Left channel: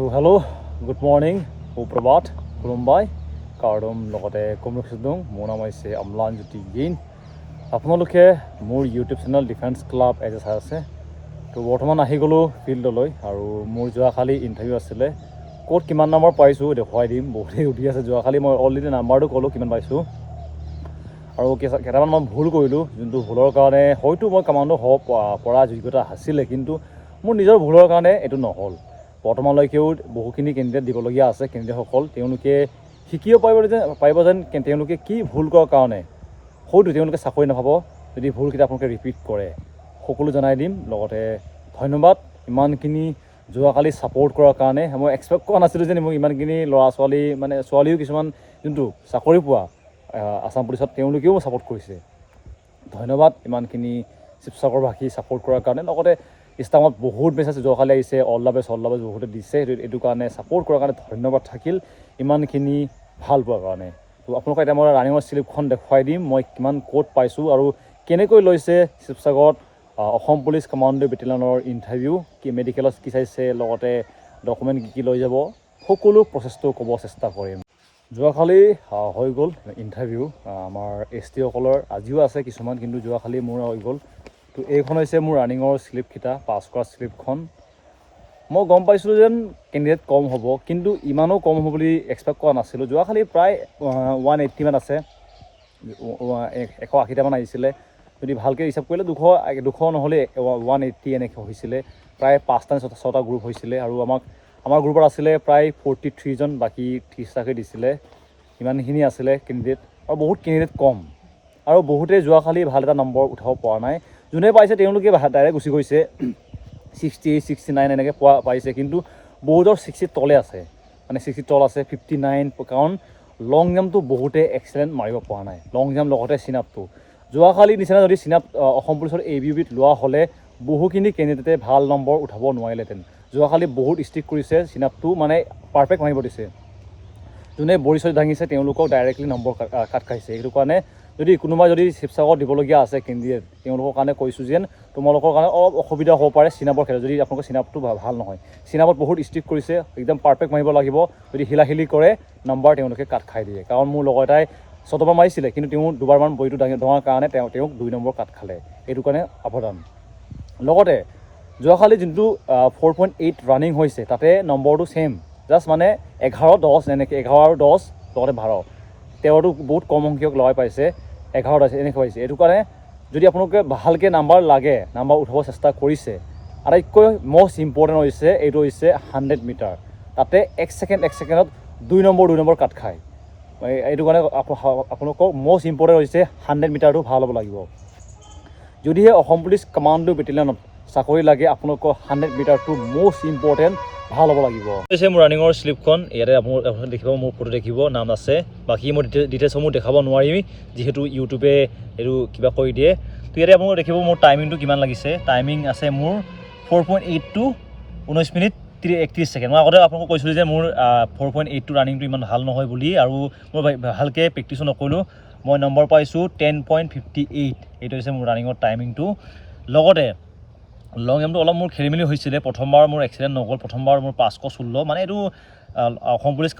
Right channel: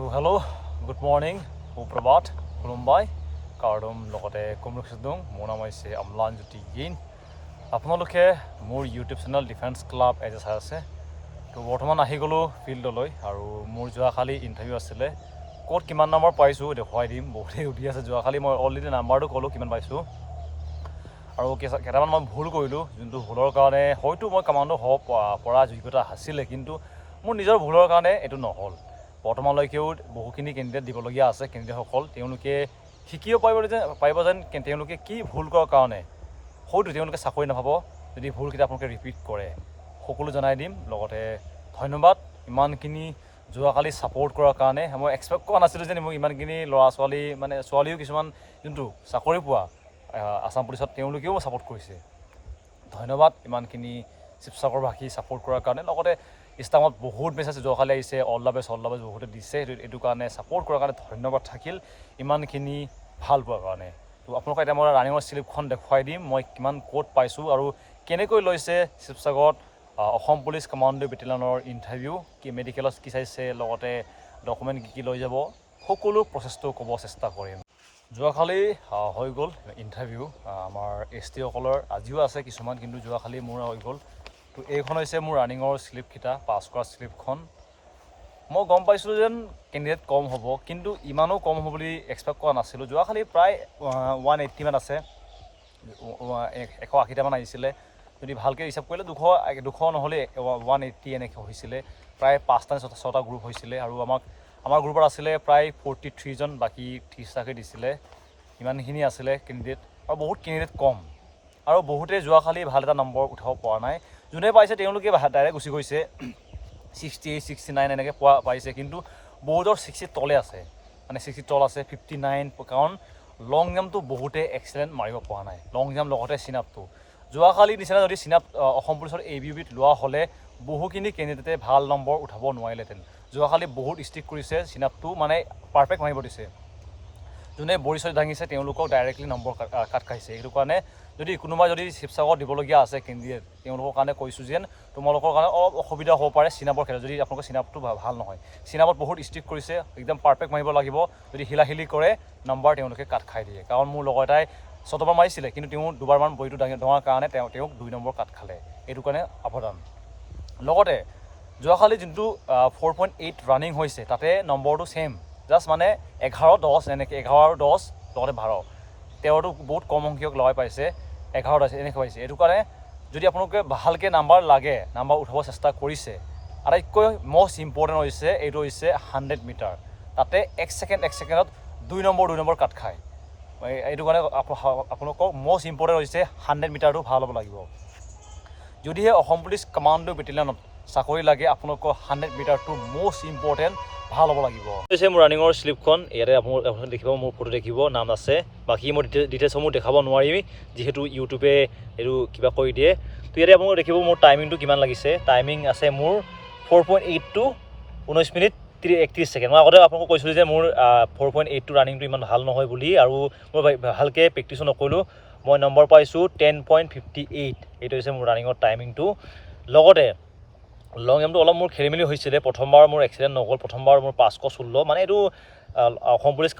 তো hello' good morning সুপ্ৰভাত খুলুমবাই কাৰ্ডম লগতে কমৰকচিদং মোৰ নাম হৈছে অম্লানজ্যোতি গেইন আপোনালোকে মোৰ ইউটিউব চেনেল ডিফেন্স ক্লাব এজে চাই আছে তো বৰ্তমান আহি গ'লোঁ ফিল্ডলৈ আৰু মোৰ যোৱাকালি ইণ্টাৰভিউ আছিলে ক'ত কিমান নম্বৰ পাইছোঁ দেখুৱাই দিম বহুতেই সুধি আছে যোৱাকালি মই অলৰেডি নাম্বাৰটো ক'লোঁ কিমান পাইছোঁ আৰু কেইটামান মই ভুল কৰিলোঁ যোনটো ভুলৰ কাৰণে হয়তো মই কামাণ্ডো হ'ব পৰা যোগ্যতা আছিলে কিন্তু মোৰ নিজৰ ভুলৰ কাৰণে এইটো নহ'ল বৰ্তমানলৈকেও বহুখিনি কেণ্ডিডেট দিবলগীয়া আছে কেণ্ডিডেটসকল তেওঁলোকে শিকিব পাৰিব যেন তেওঁলোকে কি ভুল কৰাৰ কাৰণে হয়তো তেওঁলোকে চাকৰি নাপাব যদি ভুলকেইটা আপোনালোকে ৰিপিট কৰে সকলো জনাই দিম লগতে ধন্যবাদ ইমানখিনি যোৱাকালি ছাপোৰ্ট কৰাৰ কাৰণে মই এক্সপেক্ট কৰা নাছিলোঁ যে মোক ইমানখিনি ল'ৰা ছোৱালী মানে ছোৱালীও কিছুমান যোনটো চাকৰি পোৱা আসাম পুলিচত তেওঁলোকেও ছাপোৰ্ট কৰিছে ধন্যবাদ ইমানখিনি শিৱসাগৰবাসী ছাপোৰ্ট কৰাৰ কাৰণে লগতে ইনষ্টাগ্ৰামত বহুত মেছেজ যোৱাকালি আহিছে অল দ্য বেষ্ট বহুতে দিছে এইটো কাৰণে ছাপোৰ্ট কৰাৰ কাৰণে ধন্যবাদ থাকিল ইমানখিনি ভাল পোৱাৰ কাৰণে তো আপোনালোকে এতিয়া মই ৰানিঙৰ শ্লিপখন দেখুৱাই দিম মই কিমান ক'ত পাইছোঁ আৰু কেনেকৈ লৈছে শিৱসাগৰত অসম পুলিচ কামাণ্ডো বেটেলিয়নৰ ইণ্টাৰভিউ কি মেডিকেলত কি চাইছে লগতে ডকুমেণ্ট কি লৈ যাব সকলো প্ৰচেছটো ক'ব চেষ্টা কৰিম যোৱাকালি হৈ গ'ল ইণ্টাৰভিউ আমাৰ ST সকলৰ আজিও আছে কিছুমান কিন্তু যোৱাকালি মোৰ হৈ গ'ল তো এইখন হৈছে মোৰ ৰানিঙৰ শ্লিপকেইটা পাছ কৰা শ্লিপখন মই গম পাইছিলোঁ যেন কেণ্ডিডেট কম হ'ব কিন্তু ইমানো কম হ'ব বুলি এক্সপেক্ট কৰা নাছিলোঁ যোৱাকালি প্ৰায় 180 মান আছে 180টামান আহিছিলে যদি ভালকৈ হিচাপ কৰিলে 200 নহ'লে 180 এনেকৈ হৈছিলে প্ৰায় 5টা নে 6টা গ্ৰুপ হৈছিলে আৰু আমাৰ গ্ৰুপত আছিলে প্ৰায় 43জন বাকী 30টাকৈ দিছিলে ইমানখিনি আছিলে কেণ্ডিডেট আৰু বহুত কেণ্ডিডেট কম আৰু বহুতে যোৱাকালি ভাল এটা নম্বৰ উঠাব পৰা নাই যোনে পাইছে তেওঁলোকে ডাইৰেক্ট গুচি গৈছে 68 69 এনেকৈ পাইছে কিন্তু বহুতৰ 60 তলে আছে মানে 60 তল আছে 59 কাৰণ লং জাম্পটো বহুতে এক্সেলেণ্ট মাৰিব পৰা নাই লং জাম্প লগতে চিনাপটো যোৱাকালি নিচিনা যদি চিনাপ অসম পুলিচৰ ABUBত লোৱা হ'লে বহুখিনি কেণ্ডিডেটে ভাল নম্বৰ উঠাব নোৱাৰিলেহেঁতেন যোৱাকালি বহুত ষ্ট্ৰিক্ট কৰিছে চিনাপটো মানে পাৰফেক্ট মাৰিব দিছে যোনে বৰি চৰি দাঙিছে তেওঁলোকক ডাইৰেক্টলি নম্বৰ কাট খাইছে সেইটো কাৰণে যদি কোনোবাই যদি শিৱসাগৰত দিবলগীয়া আছে কেণ্ডিডেট তেওঁলোকৰ কাৰণে কৈছোঁ যেন তোমালোকৰ কাৰণে অলপ অসুবিধা হ'ব পাৰে চিনাপৰ ক্ষেত্ৰত যদি আপোনালোকৰ চিনাপটো ভাল নহয় চিনাপত বহুত ষ্ট্ৰিক্ট কৰিছে একদম পাৰফেক্ট মাৰিব লাগিব যদি হিলাহিলি কৰে নম্বৰ তেওঁলোকে কাট খাই দিয়ে কাৰণ মোৰ লগৰ এটাই 6 মাৰিছিলে কিন্তু তেওঁ দুবাৰমান বৰিটো ডঙাৰ কাৰণে তেওঁক 2 নম্বৰ কাট খালে এইটো কাৰণে সাৱধান লগতে যোৱাকালি যোনটো 4.8 ৰানিং হৈছে তাতে নম্বৰটো ছেইম জাষ্ট মানে 11-10 এনেকৈ 11 আৰু 10 লগতে 12 তেওঁতো বহুত কম সংখ্যক লগাই পাইছে 11 এনেকৈ পাইছে এইটো কাৰণে যদি আপোনালোকে ভালকৈ নাম্বাৰ লাগে নাম্বাৰ উঠাব চেষ্টা কৰিছে আটাইতকৈ মষ্ট ইম্পৰ্টেণ্ট হৈছে এইটো হৈছে 100 মিটাৰ তাতে 1 ছেকেণ্ডত 2 নম্বৰ কাট খায় এইটো কাৰণে আপোনালোকক মষ্ট ইম্পৰ্টেণ্ট হৈছে 100 মিটাৰটো ভাল হ'ব লাগিব যদিহে অসম পুলিচ কামাণ্ডো বেটেলিয়নত চাকৰি লাগে আপোনালোকৰ 100 মিটাৰটো মষ্ট ইম্পৰ্টেণ্ট ভাল হ'ব লাগিব হৈছে মোৰ ৰানিঙৰ শ্লিপখন ইয়াতে আপোনালোকে দেখিব মোৰ ফটো দেখিব নাম আছে বাকী মই ডিটেইলছসমূহ দেখাব নোৱাৰিম যিহেতু ইউটিউবে এইটো কিবা কৰি দিয়ে তো ইয়াতে আপোনালোকে দেখিব মোৰ টাইমিংটো কিমান লাগিছে টাইমিং আছে মোৰ 4.8 to 19 মিনিট 31 ছেকেণ্ড মই আগতে আপোনালোকক কৈছিলোঁ যে মোৰ 4.8 ৰানিংটো ইমান ভাল নহয় বুলি আৰু মই ভালকৈ প্ৰেক্টিছো নকৰিলোঁ মই নম্বৰ পাইছোঁ 10.58 এইটো হৈছে মোৰ ৰানিঙৰ টাইমিংটো লগতে লং জাম্পটো অলপ মোৰ খেলিমেলি হৈছিলে প্ৰথমবাৰ মোৰ এক্সিডেণ্ট নগ'ল প্ৰথমবাৰ মোৰ 516 মানে এইটো অসম পুলিচ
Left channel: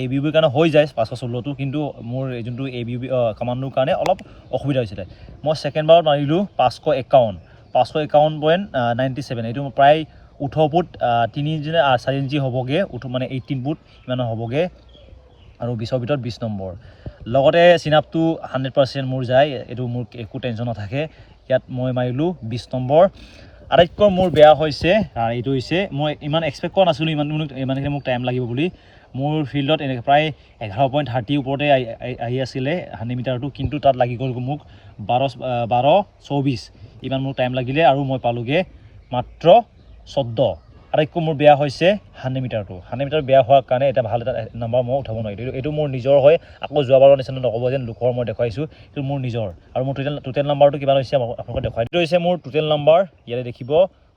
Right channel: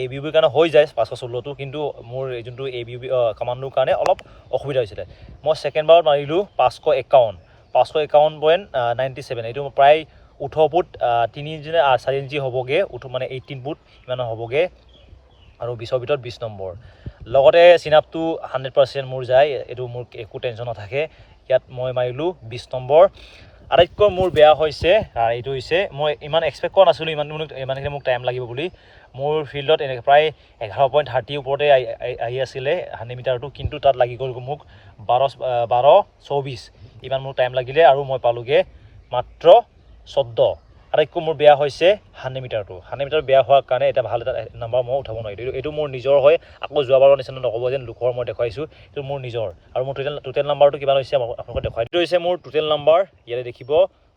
ABUBৰ কাৰণে হৈ যায় 516টো কিন্তু মোৰ যোনটো ABUB কামাণ্ডোৰ কাৰণে অলপ অসুবিধা হৈছিলে মই ছেকেণ্ডবাৰত মাৰিলোঁ 551.97 এইটো প্ৰায় 18 ফুট 3 ইঞ্চি হ'বগৈ মানে 18 ফুট ইমান হ'বগৈ আৰু 20ৰ ভিতৰত 20 নম্বৰ লগতে চিনাপটো 100% মোৰ যায় এইটো মোৰ একো টেনশ্যন নাথাকে ইয়াত মই মাৰিলোঁ 20 নম্বৰ আটাইতকৈ মোৰ বেয়া হৈছে এইটো হৈছে মই ইমান এক্সপেক্ট কৰা নাছিলোঁ ইমানখিনি মোক টাইম লাগিব বুলি মোৰ ফিল্ডত এনেকৈ প্ৰায় 11.30 ওপৰতে আহি আছিলে 100 মিটাৰটো কিন্তু তাত লাগি গ'ল মোক 12:24 ইমান মোৰ টাইম লাগিলে আৰু মই পালোগৈ মাত্ৰ 14 আটাইতকৈ মোৰ বেয়া হৈছে 100 মিটাৰটো 100 মিটাৰ বেয়া হোৱাৰ কাৰণে এটা ভাল এটা নম্বৰ মই উঠাব নোৱাৰিলোঁ এইটো মোৰ নিজৰ হয় আকৌ যোৱাবাৰৰ নিচিনা নক'ব যেন লোকৰ মই দেখুৱাইছোঁ এইটো মোৰ নিজৰ আৰু মোৰ টোটেল নাম্বাৰটো কিমান হৈছে আপোনালোকে দেখুৱাই এইটো হৈছে মোৰ টোটেল নাম্বাৰ ইয়াতে দেখিব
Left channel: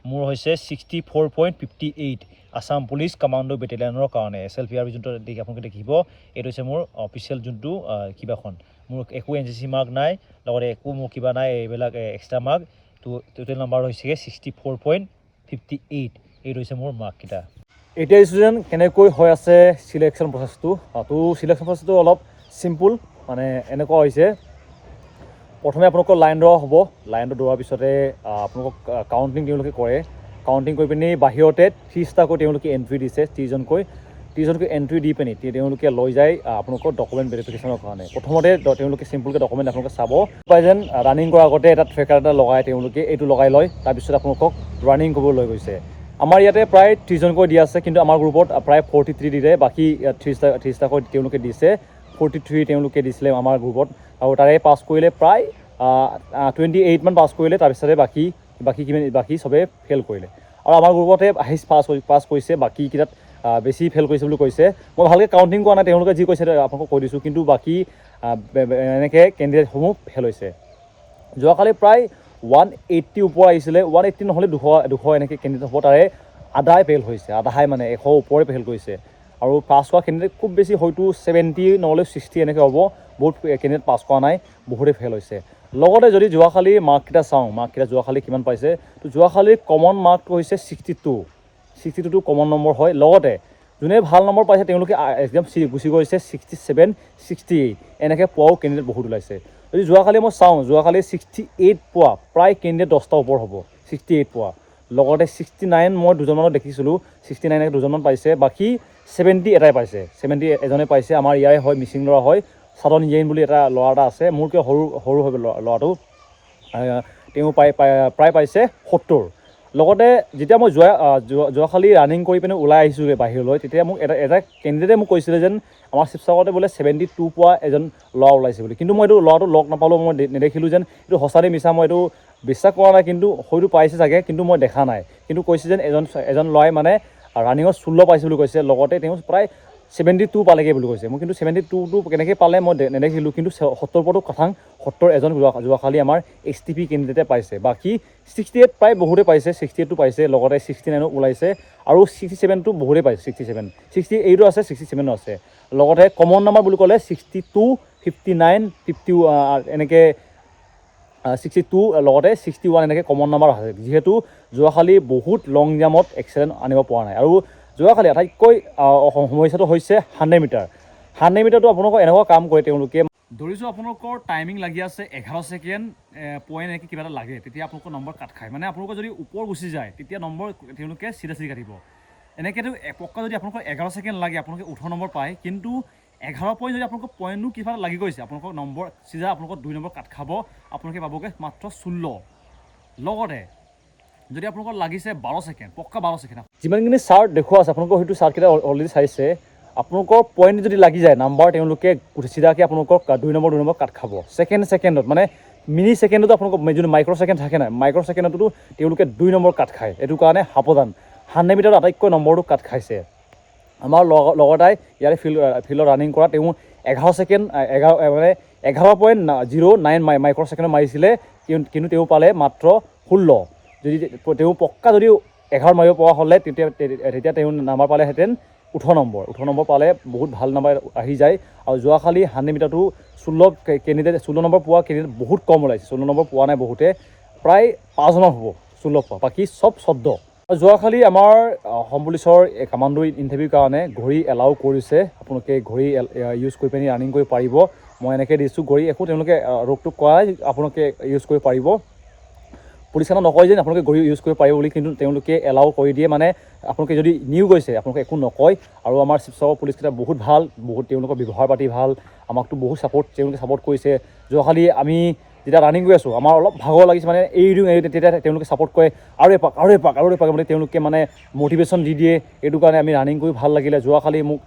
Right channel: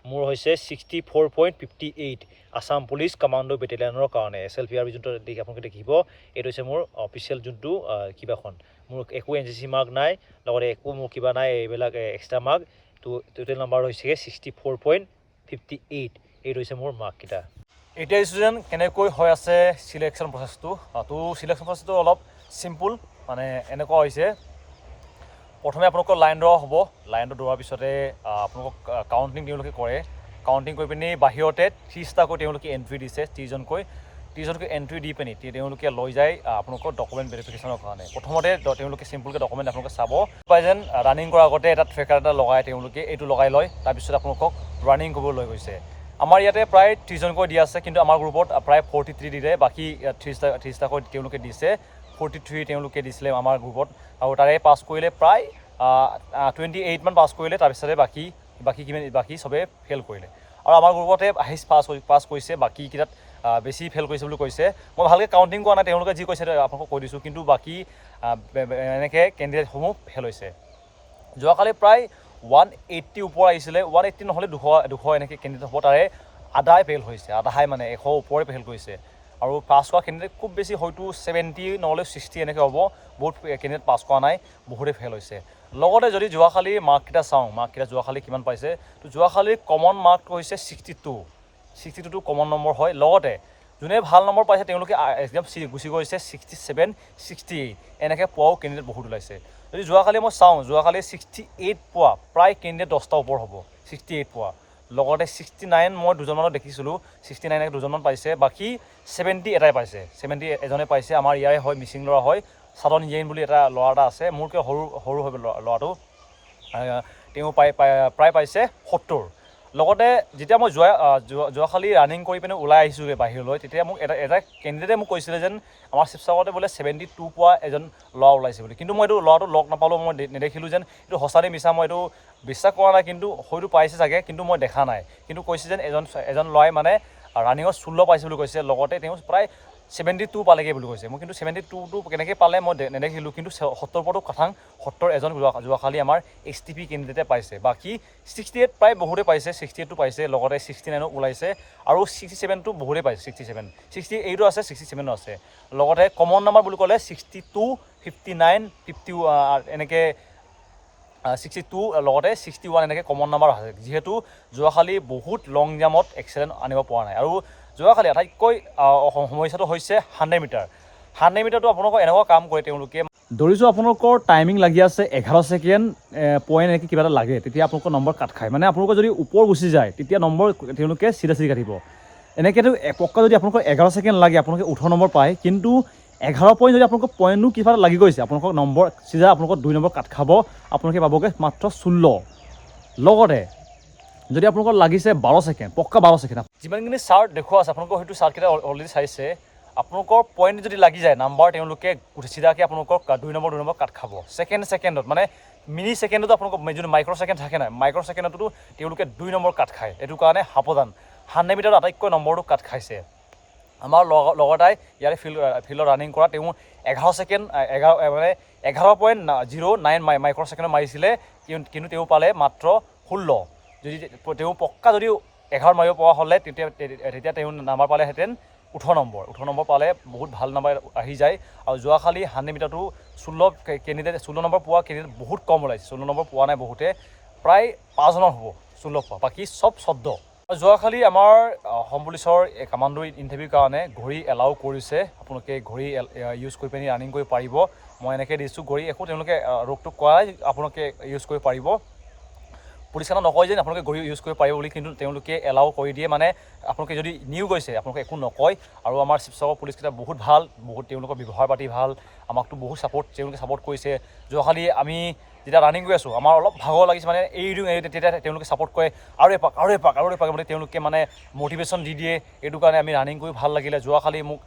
মোৰ হৈছে 64.58 আসাম পুলিচ কামাণ্ডো বেটেলিয়নৰ কাৰণে SLPRB যোনটো আপোনালোকে দেখিব এইটো হৈছে মোৰ অফিচিয়েল যোনটো কিবাখন মোৰ একো NCC মাৰ্ক নাই লগতে একো মোৰ কিবা নাই এইবিলাক এক্সট্ৰা মাৰ্ক তো টোটেল নাম্বাৰ হৈছে 64.58 এইটো হৈছে মোৰ মাৰ্ককেইটা এতিয়া ষ্টুডেণ্ট কেনেকৈ হৈ আছে চিলেকশ্যন প্ৰচেছটো তো চিলেকশ্যন প্ৰচেছটো অলপ চিম্পুল মানে এনেকুৱা হৈছে প্ৰথমে আপোনালোকৰ লাইন ড্ৰ হ'ব লাইনটো দৌৰাৰ পিছতে আপোনালোকক কাউণ্টিং তেওঁলোকে কৰে কাউণ্টিং কৰি পিনি বাহিৰতে 30টাকৈ তেওঁলোকে এণ্ট্ৰি দিছে 30জনকৈ এণ্ট্ৰি দি পিনি তেওঁলোকে লৈ যায় আপোনালোকৰ ডকুমেণ্ট ভেৰিফিকেশ্যনৰ কাৰণে প্ৰথমতে তেওঁলোকে চিম্পুলকৈ ডকুমেণ্ট আপোনালোকে চাব পাই যেন ৰানিং কৰাৰ আগতে এটা ট্ৰেকাৰ এটা লগাই তেওঁলোকে এইটো লগাই লয় তাৰপিছত আপোনালোকক ৰানিং কৰিব লৈ গৈছে আমাৰ ইয়াতে প্ৰায় 30জনকৈ দিয়া আছে কিন্তু আমাৰ গ্ৰুপত প্ৰায় 43 দিলে বাকী 30টাকৈ তেওঁলোকে দিছে 43 তেওঁলোকে দিছিলে আমাৰ গ্ৰুপত আৰু তাৰে পাছ কৰিলে প্ৰায় 28 মান পাছ কৰিলে তাৰপিছতে বাকী চবে ফেইল কৰিলে আৰু আমাৰ গ্ৰুপতে পাছ কৰিছে বাকীকেইটাত বেছি ফেইল কৰিছে বুলি কৈছে মই ভালকৈ কাউণ্টিং কৰা নাই তেওঁলোকে যি কৈছে আপোনালোকক কৈ দিছোঁ কিন্তু বাকী এনেকৈ কেণ্ডিডেটসমূহ ফেইল হৈছে যোৱাকালি প্ৰায় 180 ওপৰ আহিছিলে 180 নহ'লে 200 এনেকৈ কেণ্ডিডেট হ'ব তাৰে আধাই ফেইল হৈছে আধাই মানে 100 ওপৰে ফেইল কৰিছে আৰু পাছ কৰা কেণ্ডিডেট খুব বেছি হয়তো 70 নহ'লে 60 এনেকৈ হ'ব বহুত কেণ্ডিডেট পাছ কৰা নাই বহুতে ফেইল হৈছে লগতে যদি যোৱাকালি মাৰ্ককেইটা চাওঁ মাৰ্ককেইটা যোৱাকালি কিমান পাইছে তো যোৱাকালি কমন মাৰ্কটো হৈছে 62টো কমন নম্বৰ হয় লগতে যোনে ভাল নম্বৰ পাইছে তেওঁলোকে একদম গুচি গৈছে 67 68 এনেকৈ পোৱাও কেণ্ডিডেট বহুত ওলাইছে যদি যোৱাকালি মই চাওঁ যোৱাকালি 68 পোৱা প্ৰায় কেণ্ডিডেট 10টা ওপৰ হ'ব 68 পোৱা লগতে 69 মই দুজনমানত দেখিছিলোঁ 69 দুজনমান পাইছে বাকী 70 এটাই পাইছে 70 এজনে পাইছে আমাৰ ইয়াৰে হয় মিচিং ল'ৰা হয় সাধন ইয়েইন বুলি এটা ল'ৰা এটা আছে মোৰকৈ সৰু হয় ল'ৰাটো তেওঁ প্ৰায় পাইছে 70 লগতে যেতিয়া মই যোৱাকালি ৰানিং কৰি পিনে ওলাই আহিছোঁগৈ বাহিৰলৈ তেতিয়া মোক এটা কেণ্ডিডেটে মোক কৈছিলে যেন আমাৰ শিৱসাগৰতে বোলে 72 পোৱা এজন ল'ৰা ওলাইছে বুলি কিন্তু মই এইটো ল'ৰাটো লগ নাপালোঁ মই নেদেখিলোঁ যেন এইটো সঁচাতে মিছা মই এইটো বিশ্বাস কৰা নাই কিন্তু হয়তো পাইছে চাগে কিন্তু মই দেখা নাই কিন্তু কৈছে যেন এজন ল'ৰাই মানে ৰানিঙত 16 পাইছে বুলি কৈছে লগতে তেওঁ প্ৰায় 72 পালেগৈ বুলি কৈছে মই কিন্তু 72টো কেনেকৈ পালে মই নেদেখিলোঁ কিন্তু 70 ওপৰতো কথাং 70 এজন যোৱাকালি আমাৰ STP কেণ্ডিডেটে পাইছে বাকী 68 প্ৰায় বহুতে পাইছে 68টো পাইছে লগতে 69 ওলাইছে আৰু 67টো বহুতে পাইছে 68ও আছে 67ও আছে লগতে কমন নাম্বাৰ বুলি ক'লে 62 59 50 এনেকৈ 62 লগতে 61 এনেকৈ কমন নাম্বাৰ আছে যিহেতু যোৱাকালি বহুত লং জাম্পত এক্সেলেণ্ট আনিব পৰা নাই আৰু যোৱাকালি আটাইতকৈ সমস্যাটো হৈছে 100 মিটাৰ 100 মিটাৰটো আপোনালোকৰ এনেকুৱা কাম কৰে তেওঁলোকে দৌৰিছোঁ আপোনালোকৰ টাইমিং লাগি আছে 11 ছেকেণ্ড পইণ্ট এনেকৈ কিবা এটা লাগে তেতিয়া আপোনালোকৰ নম্বৰ কাট খায় মানে আপোনালোকৰ যদি ওপৰ গুচি যায় তেতিয়া নম্বৰ তেওঁলোকে চিধা কাটিব এনেকৈতো পক্কা যদি আপোনালোকৰ 11 ছেকেণ্ড লাগে আপোনালোকে 18 নম্বৰ পায় কিন্তু 11 পইণ্ট যদি আপোনালোকৰ পইণ্টনো কিবা এটা লাগি গৈছে আপোনালোকৰ নম্বৰ চিধা আপোনালোকৰ 2 নম্বৰ কাট খাব আপোনালোকে পাবগৈ মাত্ৰ 16 লগতে যদি আপোনালোকৰ লাগিছে 12 ছেকেণ্ড পক্কা 12 ছেকেণ্ড যিমানখিনি চাৰ্ট দেখুওৱা আছে আপোনালোকৰ হয়তো চাৰ্টকেইটা অলৰেডি চাইছে আপোনালোকৰ পইণ্ট যদি লাগি যায় নাম্বাৰ তেওঁলোকে চিধাকৈ আপোনালোকক 2 নম্বৰ কাট খাব ছেকেণ্ডত মানে মিনি ছেকেণ্ডতো আপোনালোকৰ যদি মাইক্ৰ' ছেকেণ্ড থাকে নাই মাইক্ৰ' ছেকেণ্ডতো তেওঁলোকে 2 নম্বৰ কাট খায় এইটো কাৰণে সাৱধান 100 মিটাৰত আটাইতকৈ নম্বৰটো কাট খাইছে আমাৰ লগৰটাই ইয়াৰে ফিল্ডত ৰানিং কৰা তেওঁ 11 ছেকেণ্ড 11.09 মাইক্ৰ' ছেকেণ্ড মাৰিছিলে কিন্তু তেওঁ পালে মাত্ৰ 16 যদি তেওঁ পক্কা যদি 11 মাৰিব পৰা হ'লে তেতিয়া তেওঁ নাম্বাৰ পালেহেঁতেন 18 নম্বৰ পালে বহুত ভাল নাম্বাৰ আহি যায় আৰু যোৱাকালি 100 মিটাৰটো 16 নম্বৰ পোৱা কেণ্ডিডেট বহুত কম ওলাইছে 16 নম্বৰ পোৱা নাই বহুতে প্ৰায় 5জনৰ হ'ব 16 পোৱা বাকী চব 14 যোৱাকালি আমাৰ অসম পুলিচৰ কামাণ্ডো ইণ্টাৰভিউৰ কাৰণে ঘড়ী এলাউ কৰিছে আপোনালোকে ঘড়ী ইউজ কৰি পিনি ৰানিং কৰিব পাৰিব মই এনেকৈ দিছোঁ ঘড়ী একো তেওঁলোকে ৰোগটো কৰাই আপোনালোকে ইউজ কৰিব পাৰিব পুলিচ খানা নকয় যে আপোনালোকে ঘড়ী ইউজ কৰিব পাৰিব বুলি কিন্তু তেওঁলোকে এলাউ কৰি দিয়ে মানে আপোনালোকে যদি নিউ গৈছে আপোনালোকে একো নকয় আৰু আমাৰ শিৱসাগৰ পুলিচকেইটা বহুত ভাল বহুত তেওঁলোকৰ ব্যৱহাৰ পাতি ভাল আমাকতো বহুত তেওঁলোকে ছাপৰ্ট কৰিছে যোৱাকালি আমি যেতিয়া ৰানিং কৰি আছোঁ আমাৰ অলপ ভাগৰ লাগিছে মানে তেতিয়া তেওঁলোকে ছাপৰ্ট কৰে আৰু এপাক মানে তেওঁলোকে মানে মটিভেশ্যন দি দিয়ে এইটো কাৰণে আমি ৰানিং কৰি ভাল লাগিলে যোৱাকালি মোক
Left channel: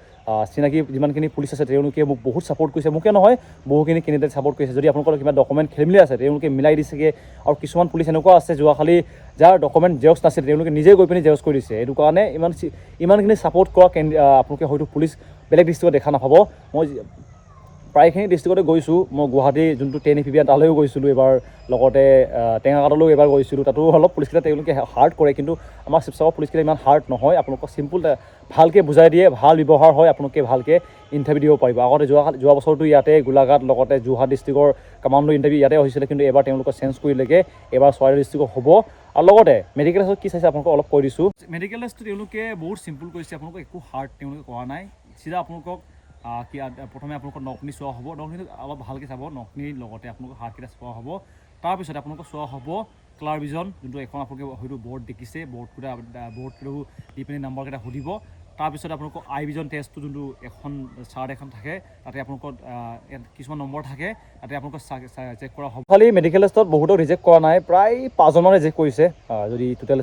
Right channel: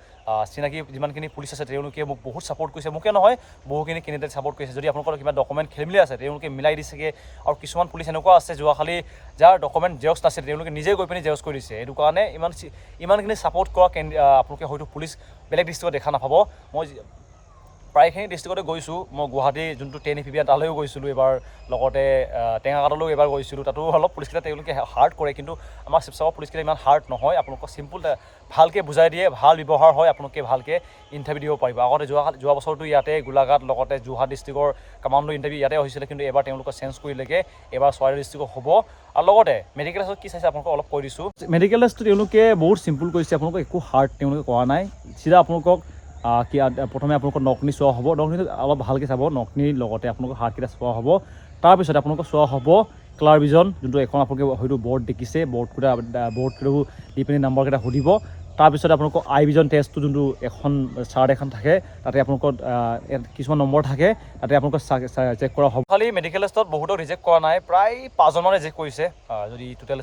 চিনাকি যিমানখিনি পুলিচ আছে তেওঁলোকে মোক বহুত ছাপৰ্ট কৰিছে মোকে নহয় বহুখিনি কেণ্ডিডেট ছাপৰ্ট কৰিছে যদি আপোনালোকৰ কিবা ডকুমেণ্ট খেলিমেলি আছে তেওঁলোকে মিলাই দিছেগৈ আৰু কিছুমান পুলিচ এনেকুৱা আছে যোৱাকালি যাৰ ডকুমেণ্ট জেৰক্স নাছিল তেওঁলোকে নিজে গৈ পিনি জেৰক্স কৰি দিছে এইটো কাৰণে ইমানখিনি ছাপৰ্ট কৰা আপোনালোকে হয়তো পুলিচ বেলেগ ডিষ্ট্ৰিক্টত দেখা নাপাব মই প্ৰায়খিনি ডিষ্ট্ৰিক্টতে গৈছোঁ। মই গুৱাহাটী যোনটো 10 APBN তালৈও গৈছিলোঁ এবাৰ, লগতে টেঙাঘাটলৈও এবাৰ গৈছিলোঁ। তাতো অলপ পুলিচকেইটা তেওঁলোকে হাৰ্ড কৰে, কিন্তু আমাৰ শিৱসাগৰ পুলিচকেইটা ইমান হাৰ্ড নহয়। আপোনালোকক চিম্পুল ভালকৈ বুজাই দিয়ে, ভাল ব্যৱহাৰ হয়, আপোনালোকে ভালকৈ ইণ্টাৰভিউ দিব পাৰিব। আগতে যোৱা বছৰটো ইয়াতে গোলাঘাট লগতে যোৰহাট ডিষ্ট্ৰিক্টৰ কামাণ্ডো ইণ্টাৰভিউ ইয়াতে হৈছিলে, কিন্তু এবাৰ তেওঁলোকে চেঞ্জ কৰিলেগৈ, এবাৰ চৰাইদেউ ডিষ্ট্ৰিক্টত হ'ব। আৰু লগতে মেডিকেল টেষ্টত কি চাইছে আপোনালোকক অলপ কৈ দিছোঁ। মেডিকেল টেষ্টটো তেওঁলোকে বহুত চিম্পুল কৰিছে, আপোনালোকক একো হাৰ্ড তেওঁলোকে কৰা নাই। চিধা আপোনালোকক প্ৰথমে আপোনালোকৰ নকনি চোৱা হ'ব, নকনিটো অলপ ভালকৈ চাব, নকনিৰ লগতে আপোনালোকৰ হাতকেইটা চোৱা হ'ব। তাৰপিছত আপোনালোকক চোৱা হ'ব ক্লাৰ ভিজন, যোনটো এখন আপোনালোকে হয়তো বৰ্ড দেখিছে, বৰ্ডটো দি পিনি নাম্বাৰকেইটা সুধিব। তাৰপিছত আপোনালোকৰ আই ভিজন টেষ্টটো যোনটো এখন চাৰ্ট এখন থাকে, তাতে আপোনালোকৰ কিছুমান নম্বৰ থাকে, তাতে আপোনালোকক চেক কৰা হ'ব। খালি মেডিকেল টেষ্টত বহুতক ৰিজেক্ট কৰা নাই, প্ৰায় 5জনমান ৰিজেক্ট কৰিছে। যদি টোটেল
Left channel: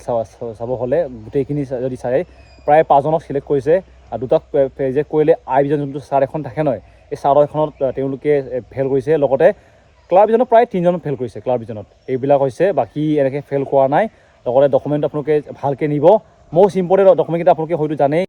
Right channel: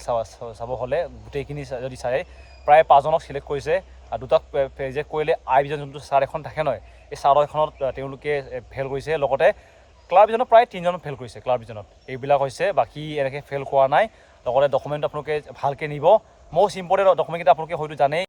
চাব হ'লে গোটেইখিনি যদি চাই প্ৰায় 5জনক চিলেক্ট কৰিছে। আৰু দুটাক ৰিজেক্ট কৰিলে আই ভিজন যোনটো চাৰ্ট এখন থাকে নহয়, এই চাৰ্ট এখনত তেওঁলোকে ফেইল কৰিছে। লগতে ক্লাৰ ভিজনত প্ৰায় 3জন ফেইল কৰিছে। ক্লাৰ ভিজনত এইবিলাক হৈছে, বাকী এনেকৈ ফেইল কৰা নাই। লগতে ডকুমেণ্ট আপোনালোকে ভালকৈ নিব। মষ্ট ইম্পৰ্টেণ্ট ডকুমেণ্টকেইটা আপোনালোকে হয়তো জানেই,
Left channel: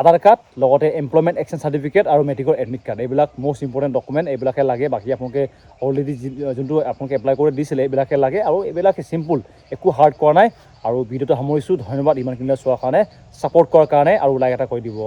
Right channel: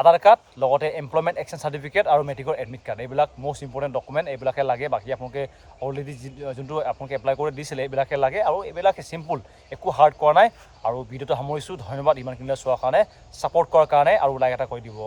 আধাৰ কাৰ্ড, লগতে এমপ্লয়মেণ্ট এক্সচেঞ্জ চাৰ্টিফিকেট আৰু মেট্ৰিকৰ এডমিট কাৰ্ড, এইবিলাক মষ্ট ইম্পৰ্টেণ্ট ডকুমেণ্ট, এইবিলাকে লাগে। বাকী আপোনালোকে অলৰেডি যোনটো আপোনালোকে এপ্লাই কৰি দিছিলে এইবিলাকে লাগে, আৰু এইবিলাকে চিম্পুল, একো হাৰ্ড কৰা নাই। আৰু ভিডিঅ'টো সামৰিছোঁ। ধন্যবাদ ইমানখিনিলৈ চোৱাৰ কাৰণে, ছাপোৰ্ট কৰাৰ কাৰণে, আৰু লাইক এটা কৰি দিব।